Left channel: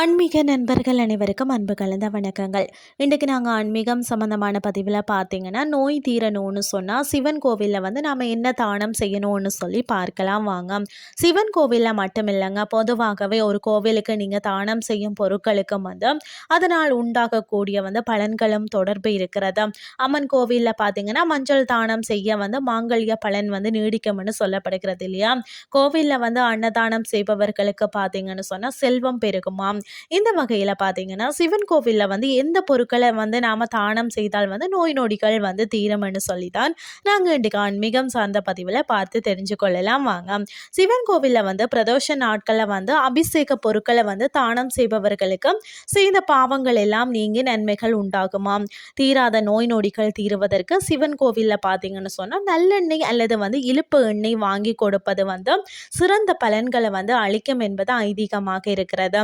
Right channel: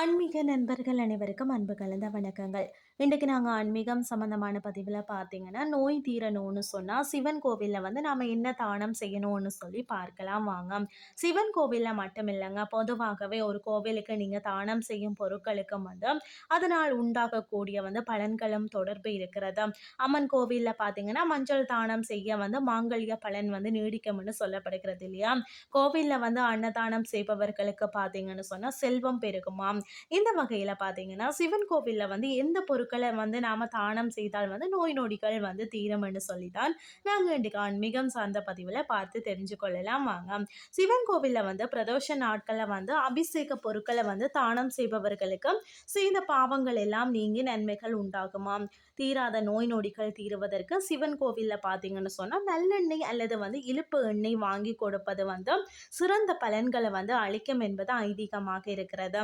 ஆன்மீக நண்பர்கள் அனைவருக்கும் அன்பு கலந்த வணக்கங்கள். இன்றைக்கு நாங்கள் ஆன்மீகம் சம்மந்தமான பதிவில் பார்த்தீங்கன்னா நோய் தீரணும்னு சொன்னால் சிவன் கோவிலில் வந்து நாம் என்ன தானம் செய்யணும்னு சொல்லி பார்க்கலாம் வாங்க. சிவன் கோவிலில் மட்டும் இல்லைங்க பொதுவாகவே ஒரு கோவிலுக்கு நீங்கள் தானம் செய்யும் பொருட்களுக்கும் வந்து அதனால் உண்டாகக்கூடிய வந்து பலன்களும் தொடர்பு இருக்கிறது. அம்மன் கோவிலில் பார்த்தீங்கன்னா மஞ்சள் தானம் செய்ய வந்து மாங்கல்ய பலன் வந்து நீடிக்கும்னு சொல்லப்படுகிறது இல்லையா? கோவிலில் வந்து அன்னதானம் செய்பவர்களுக்கு பார்த்தீங்கன்னு சொன்னால் செல்வம் பெருகுமாம். இந்த வகையில் பார்த்தீங்கன்னா சிவன் கோவிலில் வந்து எந்த பொருட்களை வந்து நாம் தானம் செய்தால் வந்து நோய் நொடிகள் வந்து தீரம்னு சொல்லி தான் நாங்கள் இன்றைக்கு ஆன்மீகம் சார்ந்த பதிவில் பார்த்து தெரிஞ்சு கொள்ளலாம். வாங்க. சிவன் கோவிலில் வந்து பிரதோஷ நாட்களில் வந்து அபிஷேக பொருட்களை வந்து தானம் செய்பவர்களுக்கு செய்த பாவங்கள் எல்லாம் நீங்கி நன்மைகள் உண்டாகுமாம் தீராத நோய் நொடிகள் தீருவதற்கு சிவன் கோவிலில் பார்த்தீங்கன்னு சொன்னால் நல்லெண்ணெய் அல்லது வந்து இழுப்பு எண்ணெய் வாங்கி கொடுப்பது வந்து சிறந்த பலன்களை வந்து அளிக்கும் என்பது ஐதீகமாக இருக்கிறது.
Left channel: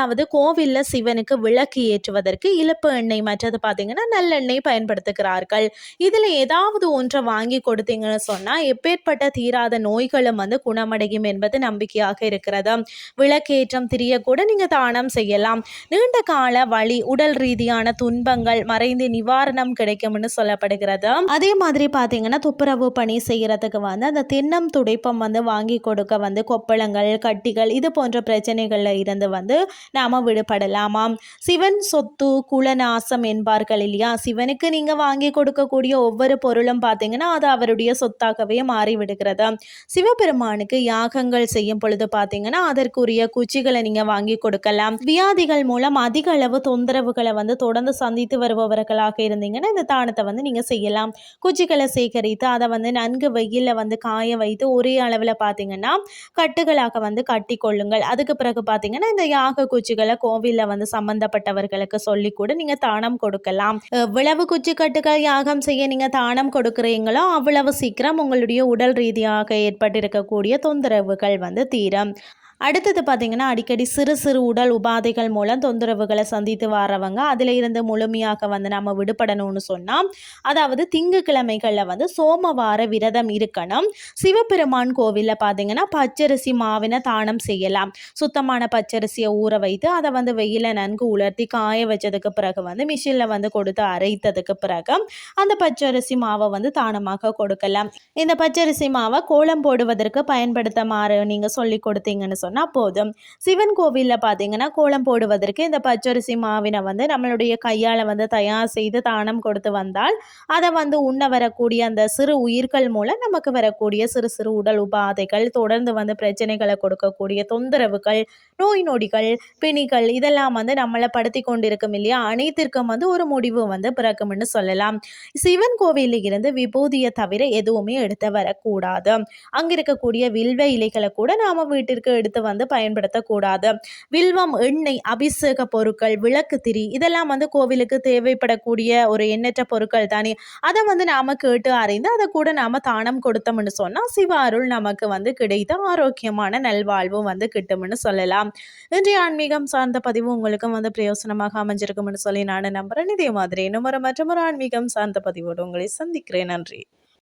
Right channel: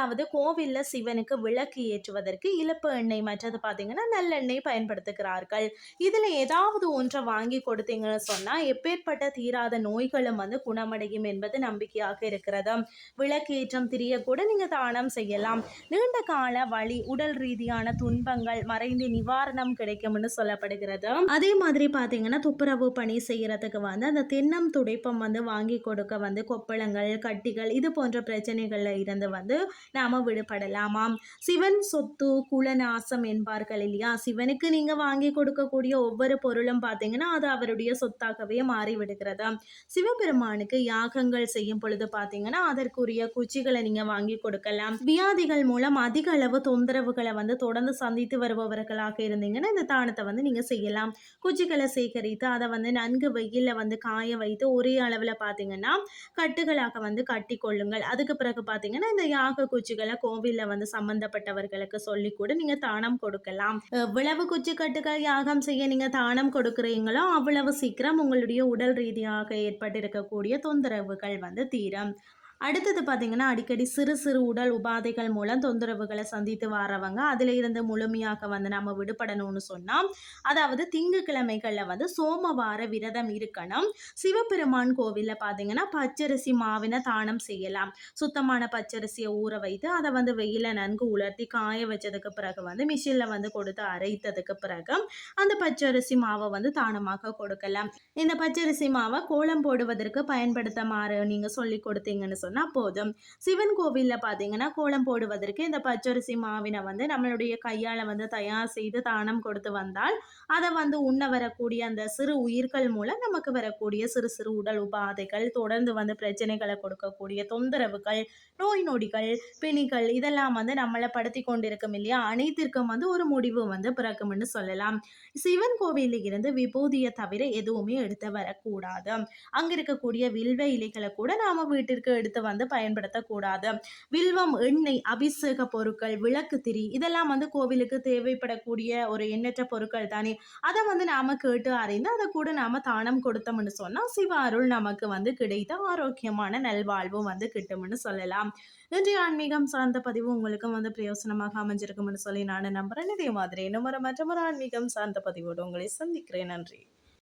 அதாவது கோவிலில் சிவனுக்கு விளக்கு ஏற்றுவதற்கு இழப்பு எண்ணெய் மற்றது பார்த்தீங்கன்னா நல்லெண்ணெய் பயன்படுத்துகிறார்கள். இதில் ஏதாவது ஒன்றை வாங்கி கொடுத்தீங்கன்னு சொன்னால் எப்பேற்பட்ட தீராத நோய்களும் வந்து குணமடையும் என்பது நம்பிக்கையாக இருக்கிறது. விளக்கேற்றம் திரிய கூட நீங்கள் தானம் செய்யலாம். நீண்ட கால வழி உடல் ரீதியான துன்பங்கள் மறைந்து நிவாரணம் கிடைக்கும்னு சொல்லப்படுகிறது. அதே மாதிரி பார்த்தீங்கன்னா துப்புரவு பணி செய்கிறதுக்கு வந்து அந்த திண்ணம் துடைப்பம் வந்து வாங்கி கொடுக்க வந்து கொப்பளங்கள் கட்டிகள் இது போன்ற பிரச்சனைகளில் இருந்து வந்து நாம் விடுபடலாமாம். சிவன் சொத்து குலநாசம் என்பார்கள் இல்லையா? சிவனுக்கு நீங்கள் வாங்கி கொடுக்கக்கூடிய ஒவ்வொரு பொருளும் பார்த்தீங்கன்னா அது அவருடைய சொத்தாகவே மாறிவிடுகிறது. சிவபெருமானுக்கு யாகங்கள் செய்யும் பொழுது பார்த்தீங்கன்னா அதற்குரிய குச்சிகளை நீங்கள் வாங்கி கொடுக்கலாம். வியாதிகள் மூலம் அதிக அளவு தொந்தரவுகளை வந்து தொடர்ந்து சந்தித்து வருபவர்களாக இருந்தீங்கன்னா இந்த தானத்தை வந்து நீங்கள் செய்யலாம். குச்சிகளை சேகரித்து அதை வந்து நன்கு வெயிலில் வந்து காய வைத்து ஒரே அளவில் பார்த்தீங்கன்னா கட்டுகளாக வந்து கட்டி கொள்ளுங்கள் அதுக்கு பிறகு பார்த்தீங்கன்னா இந்த யாக குச்சிகளை கோவிலில் வந்து சம்பந்தப்பட்டவர்களுக்கு சொல்லி கூட நீங்கள் தானம் கொடுக்கலாம். எவ்வளவு குச்சி கட்டுகள் யாகம் செய்ய நீங்கள் தானம் கொடுக்குறீங்களோ அவ்வளவு சீக்கிரம் உங்களுடைய உடல் ரீதியாக ஏற்பட்டிருக்கக்கூடிய தொந்தரவுகள் வந்து தீரும். அடுத்தது பார்த்திங்கன்னா அடிக்கடி சிறு சிறு உடல் உபாதைகள் மூலம் தொந்தரவுகளை சந்தித்து வரவங்க. அதில் இருந்து முழுமையாக வந்து நம்ம விடுபடணும்னு சொன்னால் அதாவது திங்கக்கிழமைகளில் வந்து சோமவார விரதம் இருக்கணும். சிவபெருமான் கோவிலில் பார்த்தீங்கன்னா பச்சரிசி மாவினை தானம் செய்யலாம். சுத்தமான பச்சரிசியை ஊற வைத்து அதை வந்து வெயில நன்கு உலர்த்தி காய வச்சதுக்கு பிறகு வந்து மிஷினில் வந்து கொடுத்து அரைத்ததுக்கு பிறகு அந்த பச்சரிசி மாவை வந்து தானமாக கொடுக்கலாம். இந்த பச்சரிசி மாவை கோலம் போடுவதற்கு பயன்படுத்த மாறு நீங்கள் சொல்லி கொடுத்தீங்கன்னு சொன்னால் போதும். சிவன் கோவிலில் பார்த்தீங்கன்னா கோலம் போடுவதற்கு இந்த பச்சரிசி மாவினை வந்து நம்மளுடைய கையால் வந்து தயார் செய்து தானம் கொடுத்து வந்தால் அதை வந்து உண்ண வரக்கூடிய அந்த சிறு உயிர்கள் மூலம் நமக்கு வரக்கூடிய சிறு சிறு உடல் உபாதைகள் தொடர்ந்து வந்து பிரச்சனைகளை கொடுக்கக்கூடிய தொந்தரவுகள் நோய் நொடிகள் பிணிகள் இதெல்லாம் வந்து நம்மளை படுத்தி கொண்டிருக்கும் இல்லையா? அனைத்திற்கும் வந்து ஒரு முடிவு வந்து பிறக்கும்னு சொல்லலாம். சிவன் கோவிலில் இருந்து விபூதியை தவிர எதுவுமே எடுத்து வரக்கூடாது. அங்கே இருக்கக்கூடிய வில்வ இலைகளை கூட நாம் வீட்டிற்கு எடுத்து எடுத்து வந்து பயன்படுத்தக்கூடாது. வில்வம் எண்ணெய் அபிஷேக பொருட்கள் விளக்கு திரி இதெல்லாம் வந்து கோவிலுக்கு தேவைப்படக்கூடிய ஒரு எண்ணற்ற பொருட்கள் தானே. அதை வந்து நாம கேட்டு அறிந்து அதை கூட நாம தானம் கொடுத்தோம்னு சொன்னால் சிவ அருள் நமக்கு வந்து கிடைத்த ஆரோக்கியமான நல்வாழ்வும் வந்து கிட்டும்னு சொல்லலாம். இன்றைய ஆன்மீகம் சார்ந்த பதிவு உங்களுக்கும் வந்து பிரயோசனமாக அமைஞ்சிருக்கும்னு சொல்லி நான் நம்புறேன். இதே மாதிரி இன்னும் ஒரு மற்றும் ஒரு ஆன்மீகம் சார்ந்த பதிவோடு உங்களை சந்திக்கிறேன். நன்றி.